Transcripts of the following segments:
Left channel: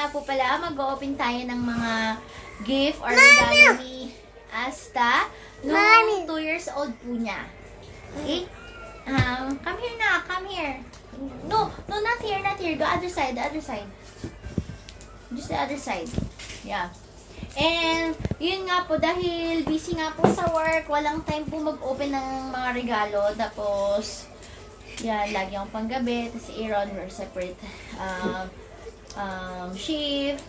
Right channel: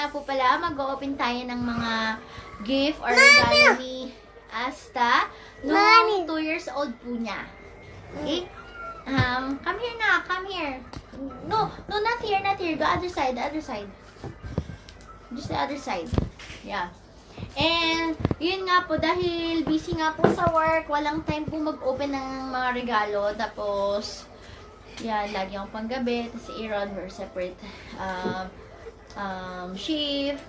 nga po pala, mag-open tayo ng mga gift or regalo ni Asta noong 2 years old po niya. Okay? Come here na, come here. No, not here, not here. Go other side, the other side. Just the other side. Yeah. And, yun nga po, dahil busy nga po sa work, walang time po mag-open ng mga regalo. Tapos, yan, lagi akong panggabi. Tapos si Aaron, we're separate shift.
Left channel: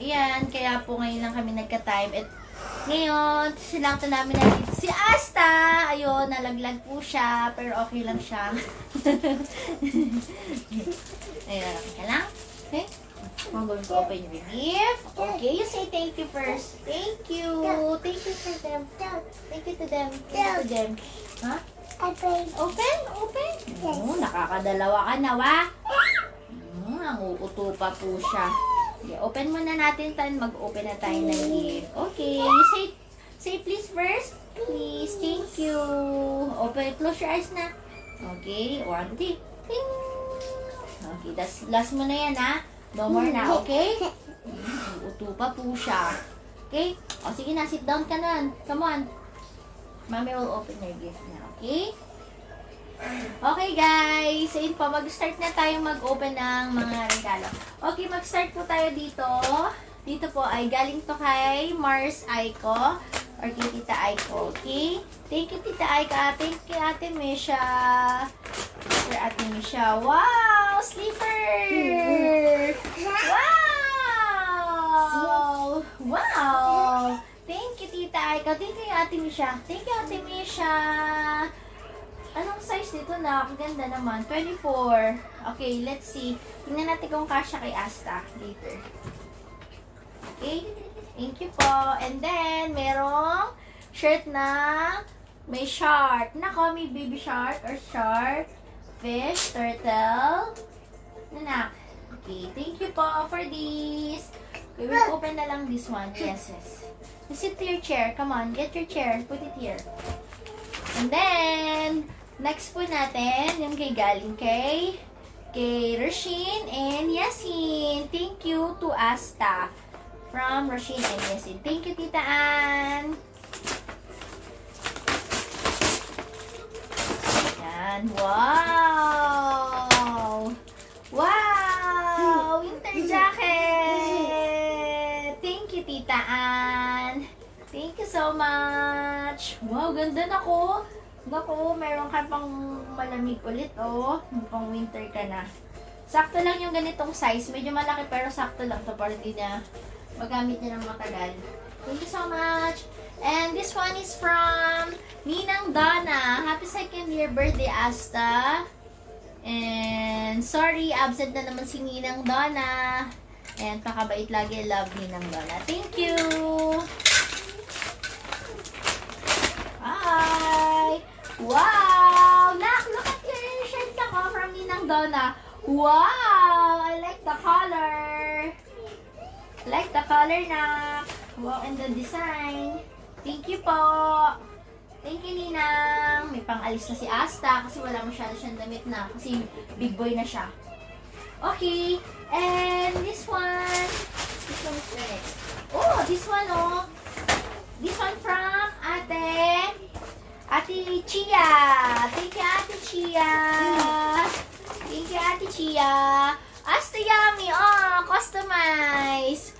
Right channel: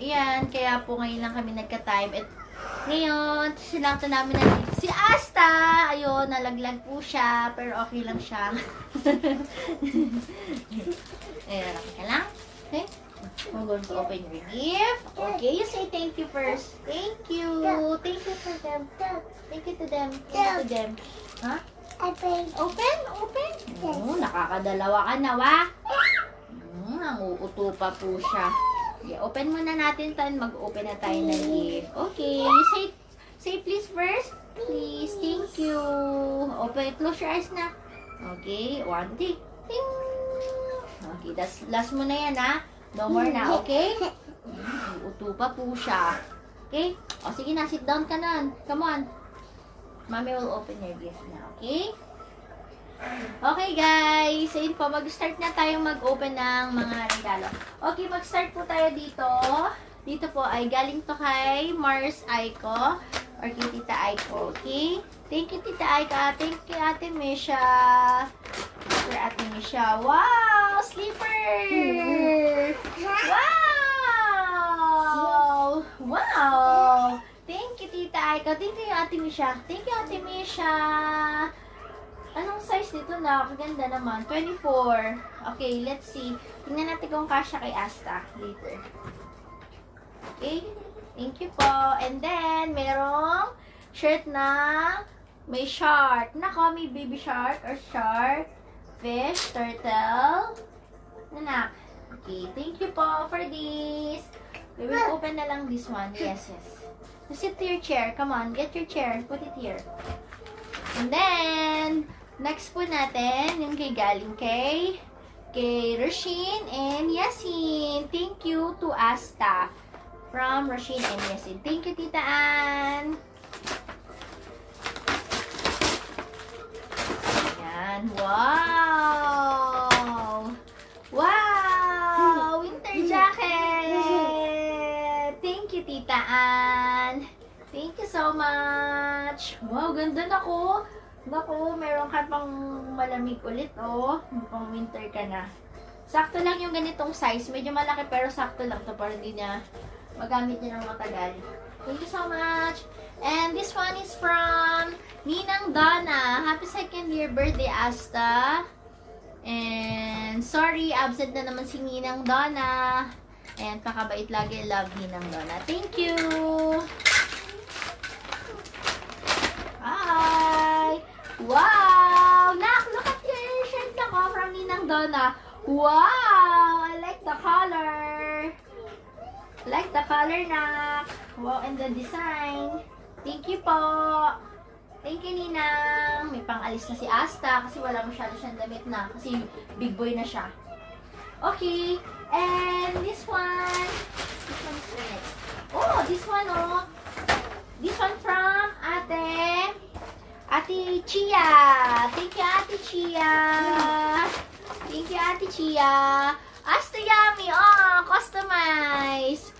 Yan, kaya po ngayon lang kami nagka-time. At ngayon, sinakto namin na si Asta. Ayun, nalaglag po siya. Pero okay lang siya. Ayun, okay ka lang? Okay? I'm going to open your gift. Okay, you say thank you first. Thank you. Thank you for them. Thank you to them. Thank you to them. Huh? Open. Open? Open? Nakakadalawa ka na, wa? Nanguuto pa po siya. Okay, open muna natin, Tan. Mag-open na tayo ng gift. Okay, you say please first. Please, thank you. Open, close your eyes na. Okay, 1, 2, ting. Okay, last mo na yan, ha? No more na, okay? Uto pa po siya. Okay? O, sige na, sit down ka nun. Come on. Mommy will open your gift na, okay? Okay, guys. Ayun po, mag-start na tayong mag-open ng mga regalo. Okay, mag-start po tayo dito. Dito po ay galing to kay Mars Aiko or kay Tita Aiko, okay? Thank you, Tita Aiko. Thank you, Ate Misha. For Ate Misha. Wow! Slipper! Wow! Wow! Thank you, Tita Aiko. Thank you, Ate Misha. Thank you, Ate Misha. Anong size nito na? Ganda naman. 24. Okay, let's see. Tingnan natin kung kasya kay Asta later. Okay. Thank you po. And then, merong shirt na may shark. Nako, may baby shark or shark. Fish, turtle. Anak. Okay, thank you po for this. We will open na lang this one. Yes, yes. Sit to your chair. Come on, get your chair. Put it here. And then, next po natin, yung kay galing kay Rasheen and Yasin. Thank you to Asta from Rasheen and Yasin. Thank you, Tita Ann. Ayan. Wow! Wow! Winter jacket! Thank you, Tita Ann. Thank you so much. Wow, ganda na ko. Naku, meron ka pang malamig ulit, oh. Pang winter ka na. Sakto lang yung ganitong size. Medyo malaki pero sakto lang to para hindi na magamit niya ng matagal. Thank you so much. And this one is from Ninang Donna. Happy 2nd year birthday, Asta. And sorry, absent na naman si Ninang Donna. And pakabait lagi. Love Ninang Donna. Thank you. Hi. Wow! Look at your shirt na ko from Ninang Donna. Wow! I like the color. I like the color na. Wow, and the design. Thank you po. Thank you, Ninang. May pang-alis na si Asta kasi wala masyado siyang damit na. Kasi big boy na siya. Okay. And this one. This one is the next. Oh, this one, oh. This one from Ate Chia. Thank you, Ate Chia. Thank you, Ate Chia. Asta Yummy. Oh, customize.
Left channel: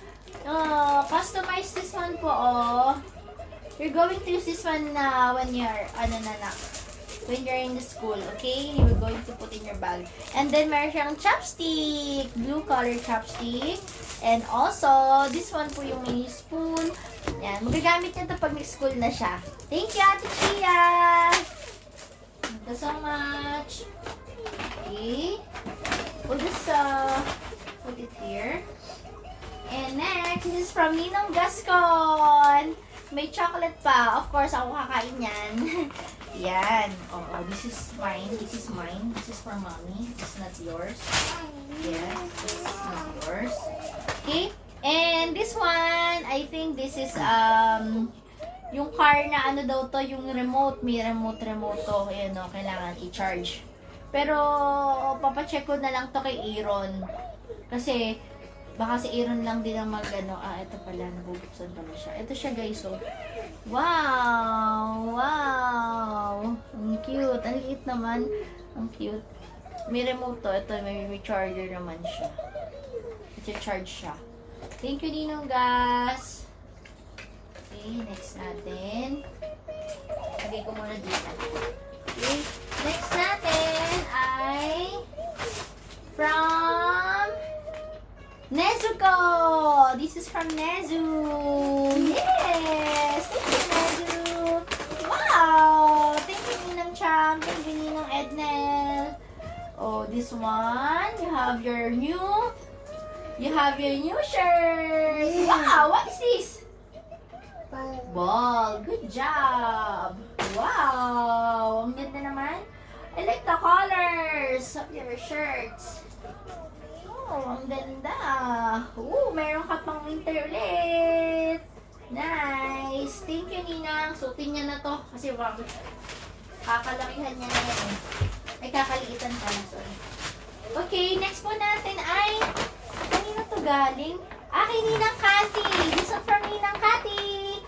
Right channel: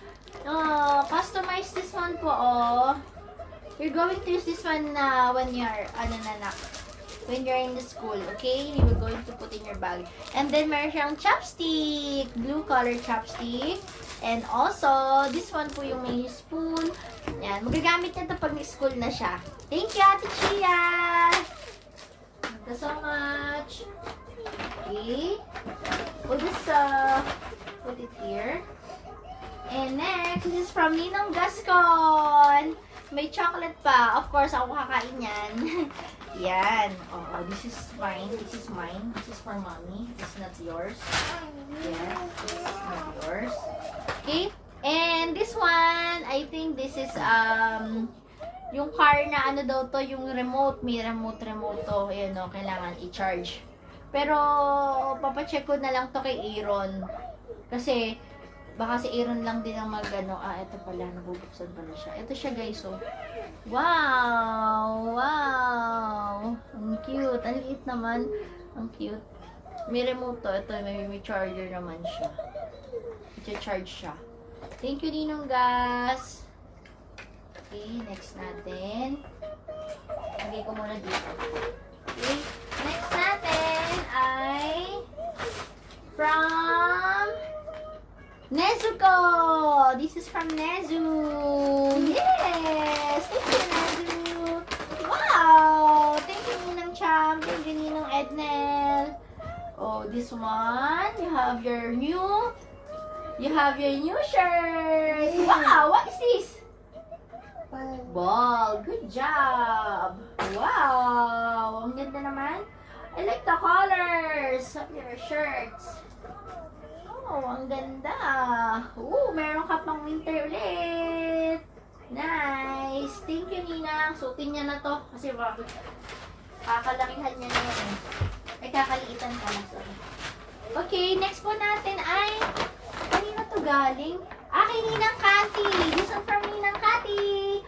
Oh, customize this one po, oh. You're going to use this one na when you're, when you're in the school, okay? You're going to put in your bag. And then, meron siyang chopstick. Blue color chopstick. And also, this one po yung may spoon. Yan. Magagamit niya ito pag nag-school na siya. Thank you, Ate Chia! Thank you so much. Okay. We'll just put it here. And next, this is from Ninong Gascon. May chocolate pa. Of course, ako kakain yan. Yan. Oh, this is mine. This is mine. This is for mommy. This is not yours. Yes, this is not yours. Okay. And this one, I think this is, yung car na ano daw to, yung remote. May remote to. Ayan o, kailangan i-charge. Pero, papacheck ko na lang to kay Aaron. Kasi, baka si Aaron lang din ang mag-ano. Ito pala, nabubuksan pala siya. Ito siya guys, so. Wow! Wow! Ang cute. Ang liit naman. Ang cute. May remote to. Ito, may charger naman siya. Ito, charge siya. Thank you, Ninong Gas. Okay, next natin. Lagay ko muna dito. Okay, next natin ay from Nezuko. This is from Nezu. Yes! Thank you, Nezu. Wow! Thank you, Ninang Cham. Thank you, Ninang Ednel. Oh, this one, you have your new shirt. Wow! What is this? Ball. Good job. Wow! Ang ganda naman. I like the colors of your shirts. Oh, ang ganda. Oh, meron ka pang winter ulit. Nice. Thank you, Ninang. Suotin niya na to. Kasi kakalakihan niya na yan. Ay, kakaliitan pa na. Sorry. Okay, next po natin ay kanina to galing? Kay Ninang Cathy. This one from Ninang Cathy.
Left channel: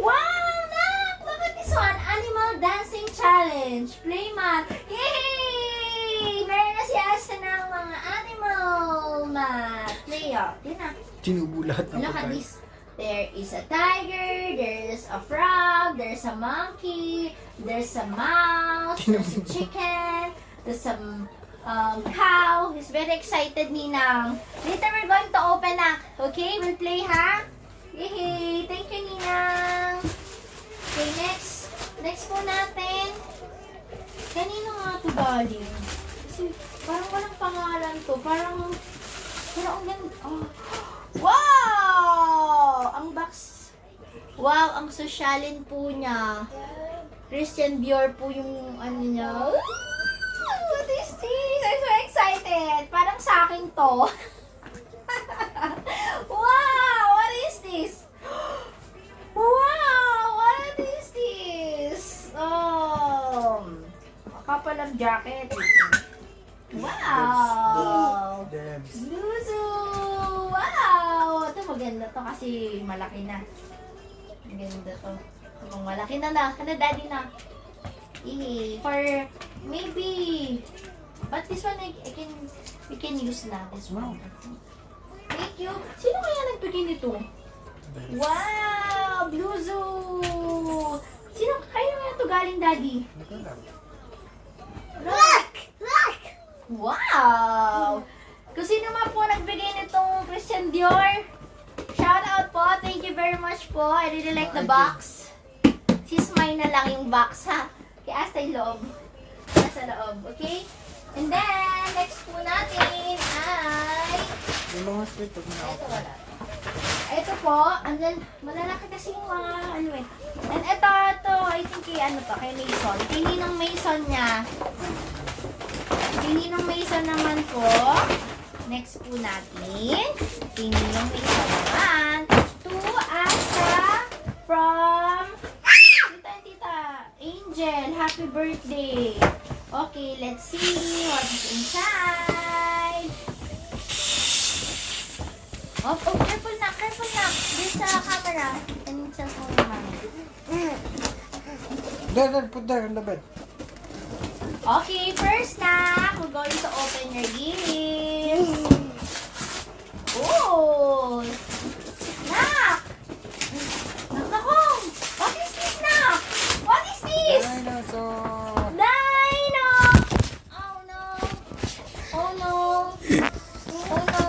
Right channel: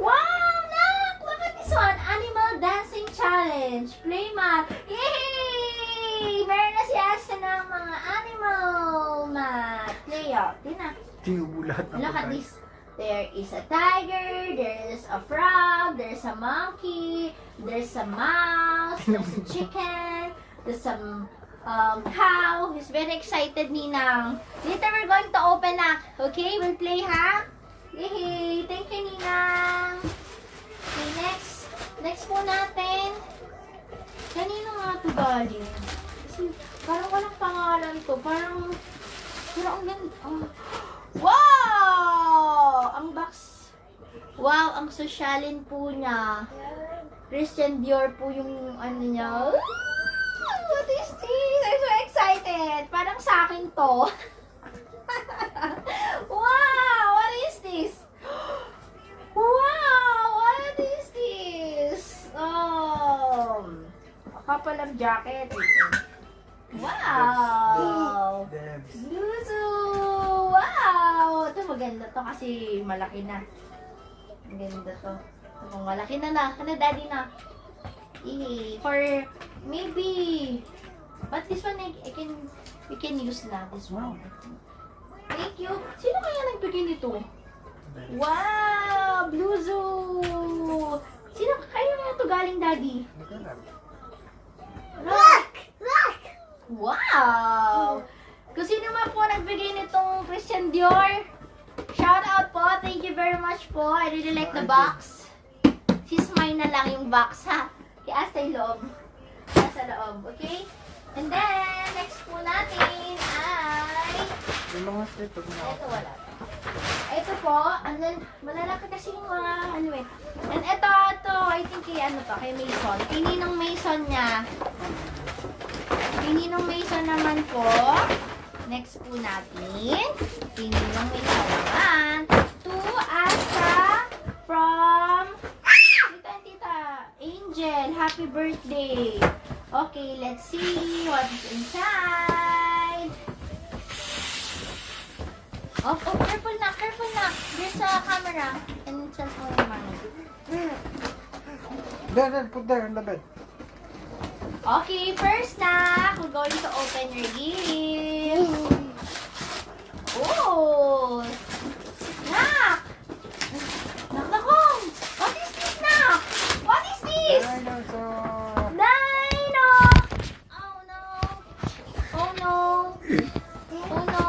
Wow, Nak! Look at this one. Animal Dancing Challenge. Play mat. Yay! Meron na si Asta ng mga animal mat. Play up. Yun na. Tinubulat na Look at this. There is a tiger, there's a frog, there's a monkey, there's a mouse, there's a chicken, there's some cow. He's very excited, Ninang. Later we're going to open up. Okay, we'll play, ha? Yay! Thank you, Ninang. Okay, next po natin. Kanino nga ito galing? Kasi parang walang pangalan to. Parang ang ganda. Oh. Wow! Ang box. Wow, ang sosyalin po niya. Christian Dior po yung ano niya. What is this? I'm so excited. Parang sa akin to. Wow! What is this? Wow! What is this? A couple of jacket. Wow! Luzu! Wow! Ito maganda to kasi malaki na. Maganda to. Kung malaki na na. Ano, daddy na? For maybe. But this one, we can use na. This one. Thank you. Sino kaya nagbigay nito? Wow! Bluzu! Sino kaya nga ito galing, daddy? Look! Look! Wow! Kung sino man po nagbigay nitong Christian Dior, shout out po. Thank you very much po. I really like the box. Sis, mine na lang yung box, ha? Kaya hasta yung loob. Nasa loob, okay? And then, next po natin ay... Ito wala. Ito po, and then, malalaki kasi yung mga ano eh. And ito, I think kay ano pa, kay Mason. Kay Ninong Mason niya. Kay Ninong Mason naman po. Next po natin. Kay Ninong Mason naman. To Asa from Tita Angel. Happy birthday. Okay, let's see what is inside. Oh, careful na, careful na. There's a camera and cellphone naman. Dad, put there in the bed. Okay, first na, we're going to open your gifts. Oh! Nak! Nakakong! What is this, Nak? What is this? Dino! Oh no! Oh no! Oh no!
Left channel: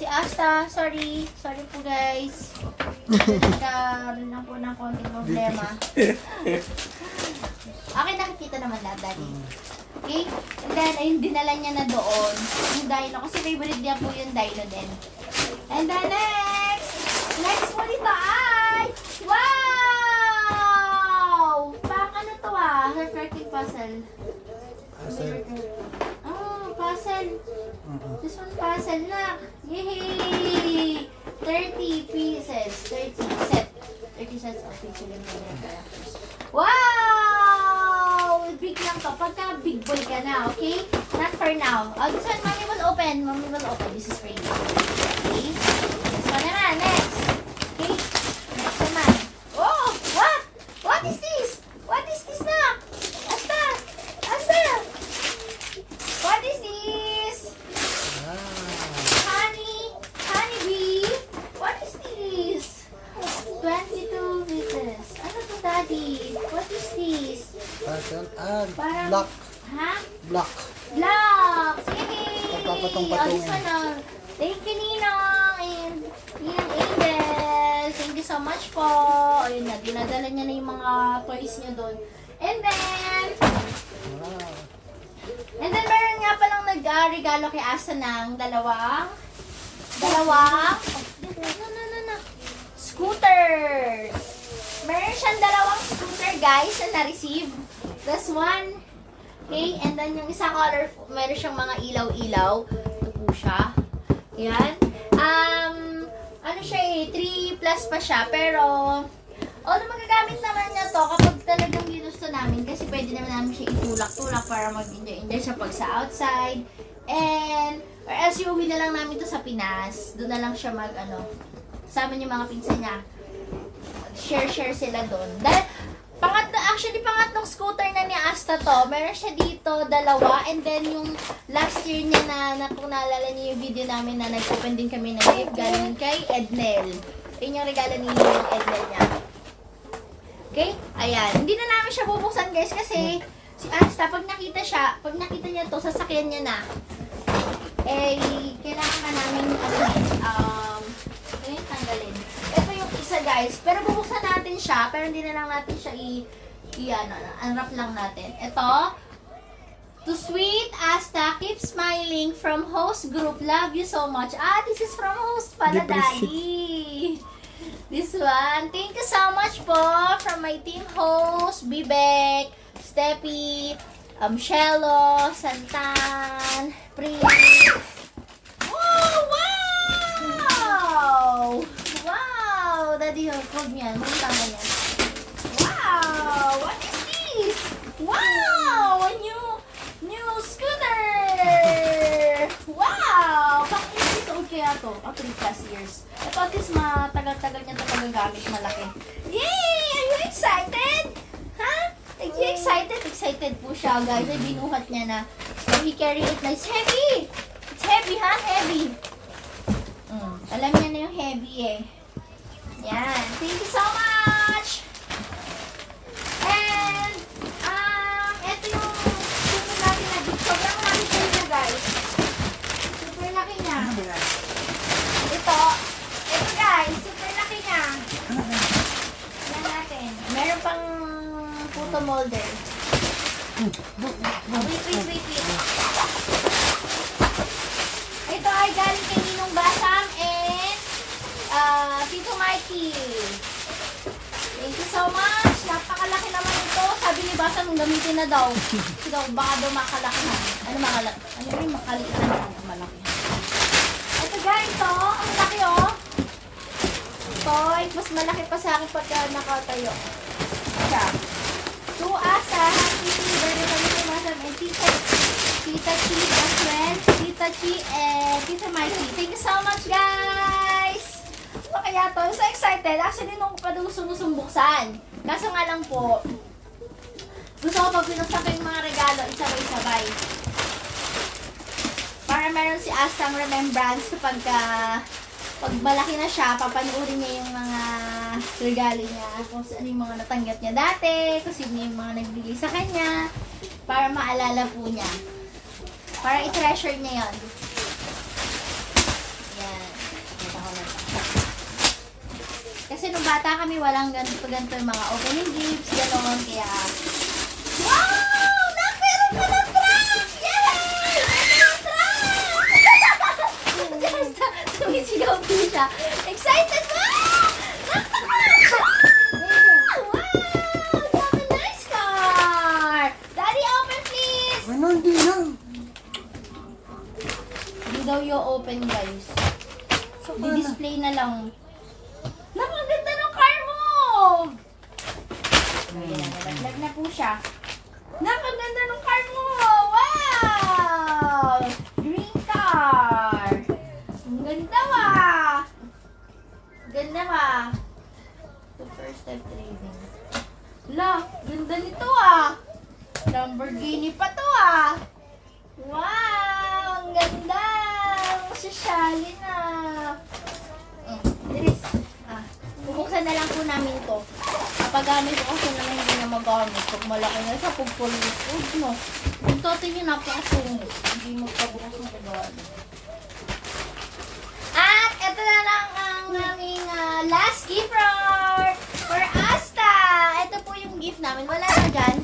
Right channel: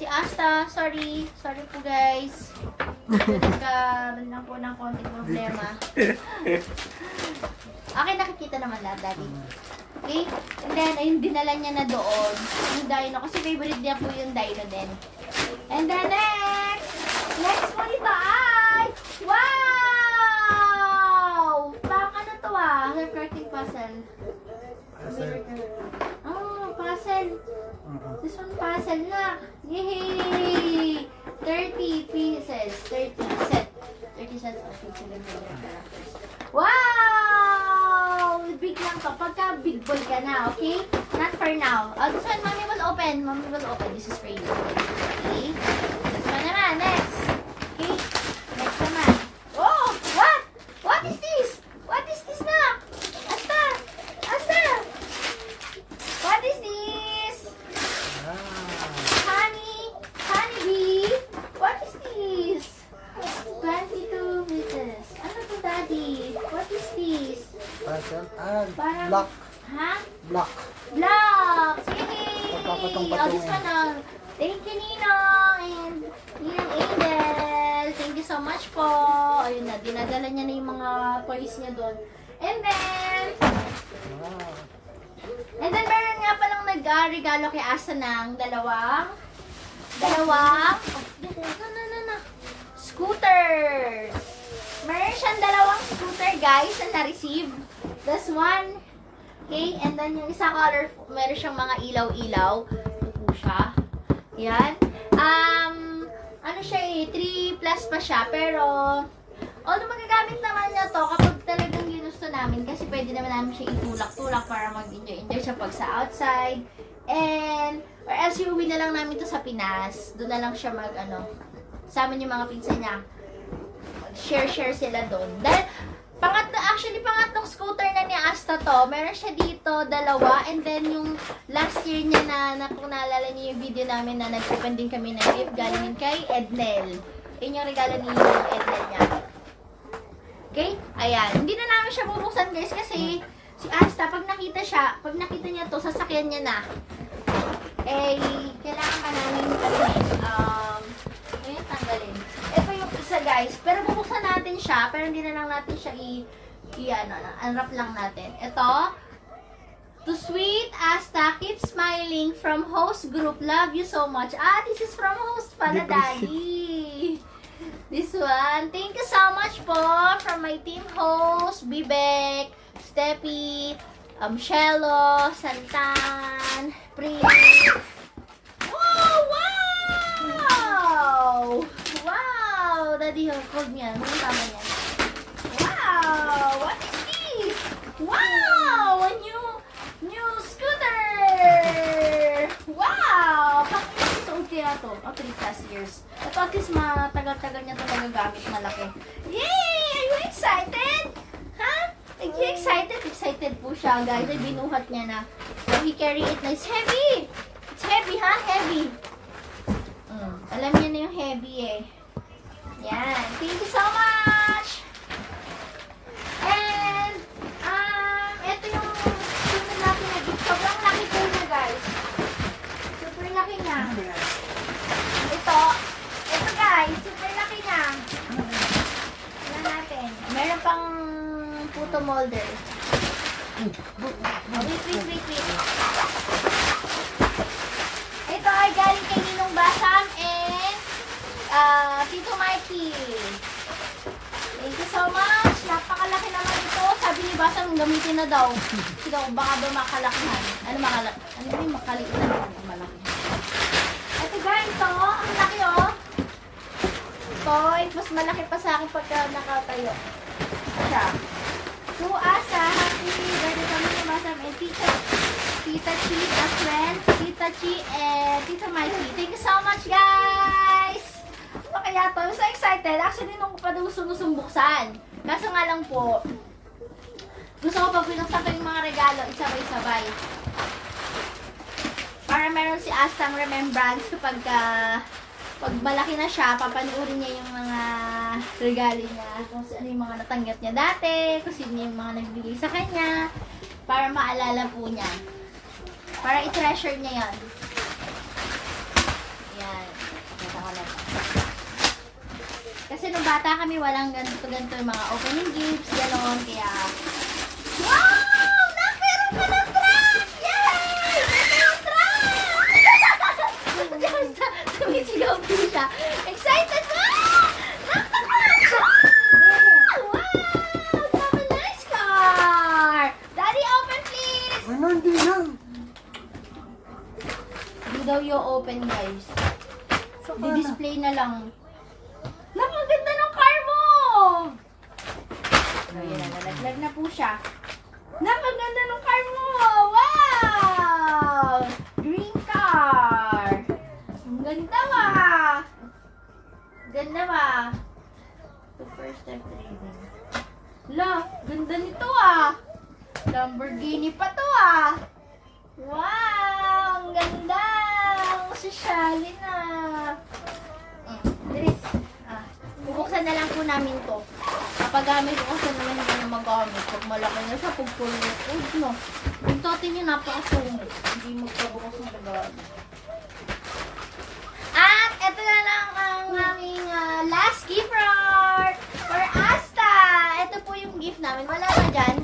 Si Asta, sorry. Sorry po guys. Nagkaroon lang po ng konting problema. Okay, nakikita naman na, Daddy. Okay? And then, ayun, dinala niya na doon. Yung dino. Kasi favorite niya po yung dino din. And then, next po dito ay, wow! Parang ano to Her curtain puzzle. Oh, puzzle. This one puzzle na. Yay! 30 pieces. 30 sets of pieces. Wow! celebrate lang to pagka big boy ka na, okay? Not for now. This one, mommy will open. Mommy will open. This is for you. Okay? This one naman. Next. Okay? Next naman. Oh! What? What is this? What is this na? Asta! Asta! What is this? Honey bee? What is this? 22 pieces. Ano to, Daddy? What is this? Parang... Black. Ha? Black. Blocks! Yay! Pagpapatong-patong. Oh, this one, thank you, Ninong! And Ninong Angel! Thank you so much po! Ayun na, dinadala niya na yung mga toys niya doon. And then meron nga palang nag-regalo kay Asa ng dalawang, oh, no. Scooters! Meron siyang dalawang scooter, guys, na na-receive. This one, okay, and then yung isa colorful, meron siyang mga ilaw-ilaw. Ito po siya. Yan. Ano siya 3 plus pa siya, pero although magagamit naman niya to kapag talagang ginusto namin kasi pwede naman namin siya itulak-tulak para mag-enjoy siya pag sa outside. And, or else iuwi na lang namin to sa Pinas. Doon na lang siya kasama yung mga pinsan niya. Share sila doon. Dahil, pangatlong scooter na ni Asta to. Meron siya dito, dalawa. And then, yung last year niya na kung naalala niyo yung video namin na nag-open din kami na live galing kay Ednel. Yun yung regalo ni Ednel niya. Okay? Ayan. Hindi na namin siya bubuksan, guys, kasi si Asta, pag nakita niya to, sasakyan niya na. Kailangan ka namin tanggalin. Ito yung isa, guys. Pero bubuksan natin siya, pero hindi na lang natin siya unwrap lang natin. Ito, to sweet Asta, keep smiling from host group. Love you so much. This is from host pala, Daddy. This one. Thank you so much po from my team host, Bibek, Steppy, Shelo, Santan, Prince. Wow! Daddy, hold niya. Ano tama niya? Wow! What is this? Wow! A new scooter! Wow! Pang-ilang old kaya to? 3 plus years. Ito at least matagal-tagal niya ito magagamit malaki. Yay! Are you excited? Ha? Are you excited? Excited po siya, guys. May binuhat niya na. So, he carry it na. It's heavy! It's heavy, ha? Heavy. Alam niya na yung heavy eh. Yan. Thank you so much! And, ito yung super laki na gift. Sobrang laki po niya, guys. Super laki niya. Ito guys, super laki niya. Yan natin. Meron pang photo molder. Wait. Ito ay galing kay Ninong Basam and Tito Mikey. Thank you so much. Napakalaki naman ito. Sabi ni Basam, gamitin na daw. Ikaw, baka ba makalakihan? Ano yung makalitan na malaki? Ito guys, ito. Ang laki oh. Ito, mas malaki pa sa akin pagka nakatayo. Siya. To Asa, happy birthday kami ni Basam and Tita Chi as well. Tita Chi and Tita Mikey. Thank you so much, guys! Ano kaya to? I'm so excited. Actually, nung pa daw buksan. Kaso nga lang po, gusto ko pa pinuksan ko yung mga regalo, isabay-sabay. Para meron si Astang remembrance kapag pag malaki na siya, papanuorin niya yung mga regalo niya, kung ano yung mga natanggap niya dati, kung sino yung mga nagbigay sa kanya, para maalala po niya. Para i-treasure niya yan. Yan. Kasi nung bata kami, walang ganito yung mga opening gifts, gano'n, kaya... Wow! Meron ka na prank! Yay! Meron ka na prank! Sumisigaw po siya. Excited na! Wow! Have a nice car! Daddy, open please! Hindi lang. Hindi daw yung open, guys. Di-display na lang. Napaganda ng car mo! Ayan na, nalaglag na po siya. ganda ng car mo! Wow! Green car! Ang ganda ba? Ganda ba? The first time driving. La, ganda nito ah! Lamborghini pa to ah! Wow! Ang ganda! Masasyali na! Bilis. Bubuksan na lang po namin to. Kapag gamit ko kasi naman hindi na magamit. Pag malaki na siya, pag full food, no? Yung tote niya napakasungit. Hindi magpabukas ng kagawa niya. At ito na lang ang aming last gift for Asta. Ito po yung gift namin. Wala na dyan.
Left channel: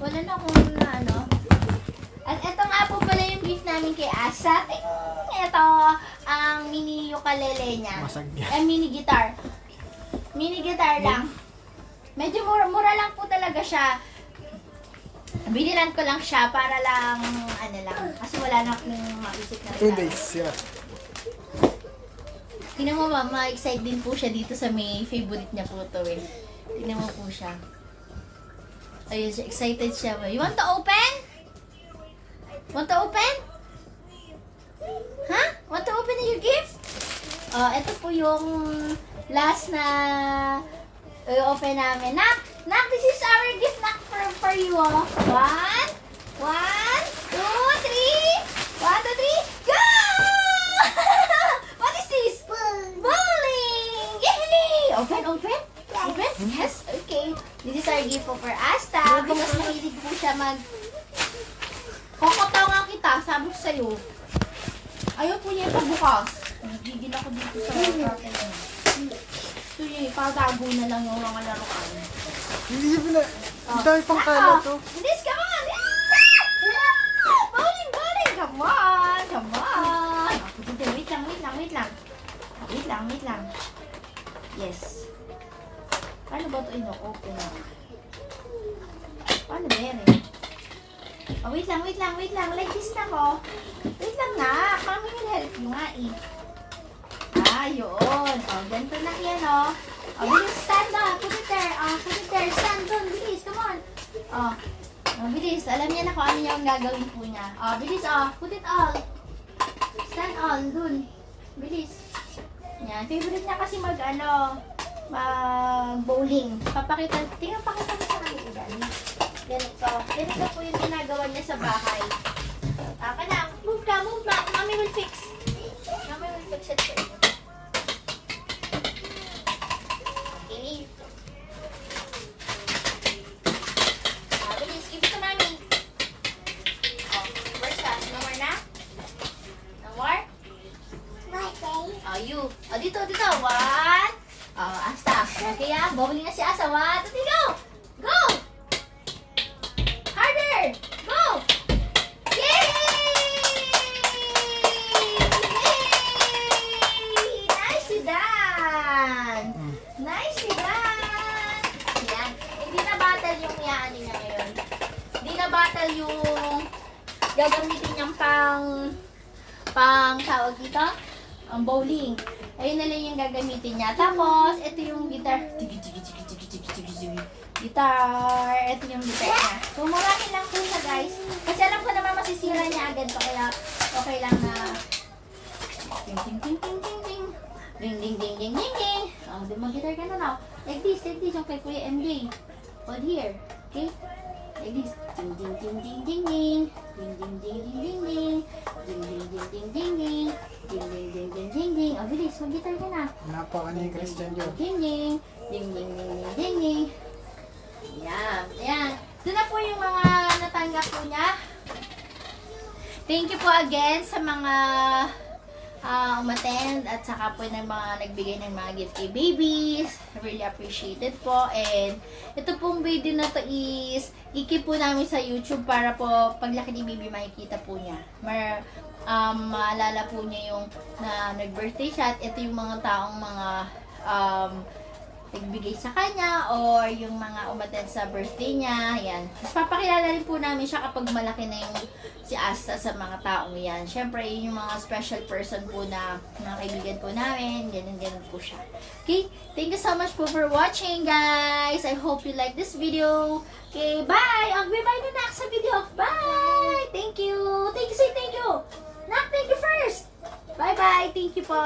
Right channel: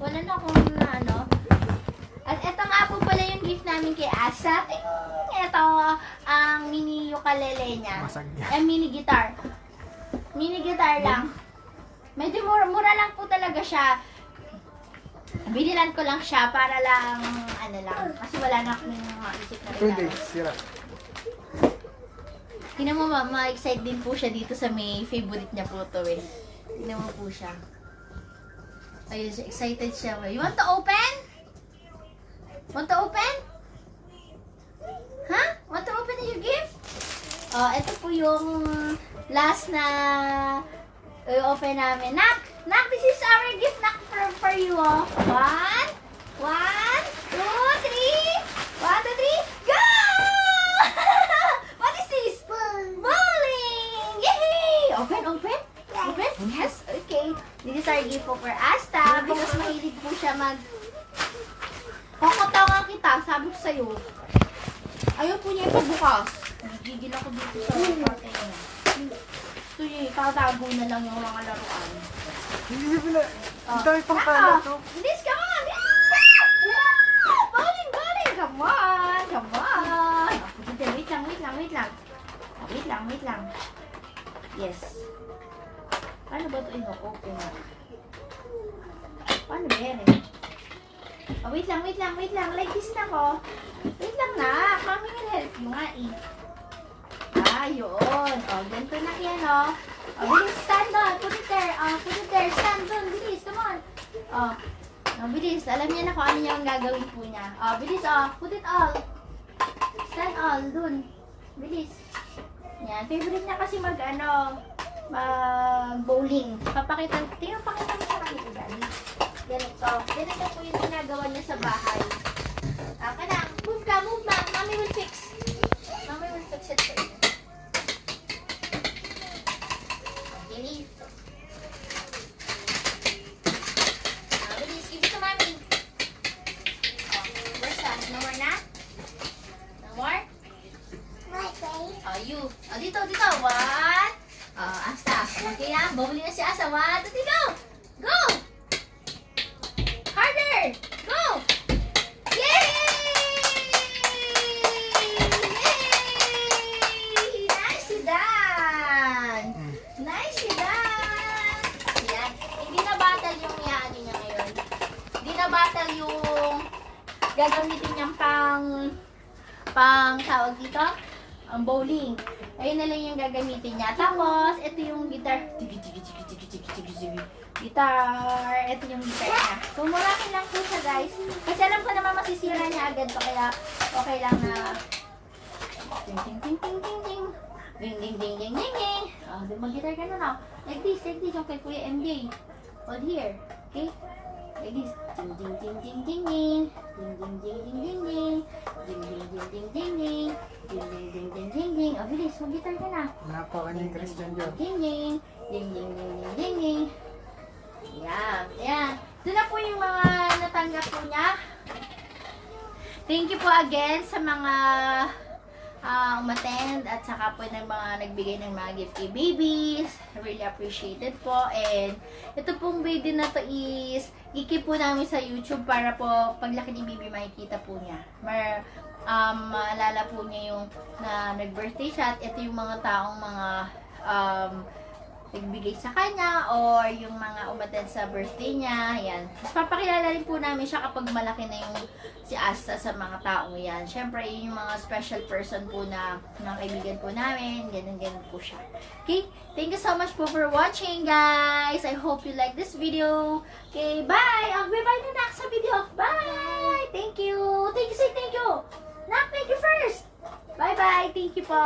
Wala na kung na ano. At ito nga po pala yung gift namin kay Asta. Ito ang mini ukulele niya. Mini guitar. Mini guitar lang. Medyo mura lang po talaga siya. Binilan ko lang siya para lang, ano lang. Kasi wala na akong maisip na 2 days, sira. Tingnan mo ma-excite din po siya dito sa may favorite niya po to eh. Tingnan mo po siya. Ayun, excited siya. You want to open? Want to open? Huh? Want to open your gift? Ito po yung last na open namin. Nak, this is our gift nak for you. 1, 2, 3. 1, 2, 3. Go! What is this? Bowling! Yay! Open? Open? Yes? Okay. This is our gift for Asta. Because mahilig po siya Kokotongan kita, sabi ko sa'yo. Ayaw po niya ipabukas. Nagigil ako dito sa protein niya. Ito niya, itatago na lang yung mga laruan. Hindi niya pala. Ang dami pang kala to. Bilis, come on! Bowling! Come on! Wait lang. Yes. Paano ba ito ino-open mo? Paano ba yan eh? Wait lang. Like this na ko. Wait lang na. Kami will help mo nga eh. Yun. Ganito na yan bilis, stand on. Put it there. Stand on. Bilis, come on. Bilis. Alam niya na kung ano yung gagawin po niya. Bilis, put it all. Stand all. Dun. Bilis. Yan. Favorite niya kasi bowling. Pakita mo sa kanila dali. Ganito po yung ginagawa niya sa bahay. Move ka. Mommy will fix it for you. Bilis. Bilis, give it to mommy. Where's that? No more na? No more? You. Dito. 1. Asta. Okay bowling na si Asa. 1, 2, 3, go! Go! Harder! Go! Yay! Nicely done! Nicely done! Yan. Hindi na battle yung yaan niya ngayon. Hindi na battle yung gagamitin niyang pang tawag dito? Ang bowling. Ayun na lang yung gagamitin niya. Tapos, ito yung guitar. Ito yung guitar niya. Tumulakin lang po siya, guys. Kasi alam ko naman masisira niya agad to. Kaya, okay lang na ting. Ding. Mag-guitar ka na now. Like this. Yung kay Kuya MJ. Hold here. Okay? Like this. Ding. Ding. Bilis, mag-guitar ka na. Napakaling Christian Joe. Ding. Yan. Ito na po yung mga natanggap po niya. Thank you po again sa mga umattend at saka po ng mga nagbigay ng mga gift kay babies. Really appreciated po. And ito pong video na to is ikip po namin sa YouTube para po paglaki ni baby makikita po niya. Maalala po niya yung na nag-birthday siya at ito yung mga taong nagbigay sa kanya or yung mga umattend sa birthday niya. Yan. Mas papakilala rin po namin siya kapag malaki na yung si Asta sa mga taong yan. Siyempre, yun yung mga special person po na mga kaibigan po namin. Ganun po siya. Okay? Thank you so much po for watching, guys. I hope you like this video. Okay, bye! Bye-bye na nak sa video. Bye! Thank you! Thank you, say thank you! Nak, thank you first! Bye-bye! Thank you po!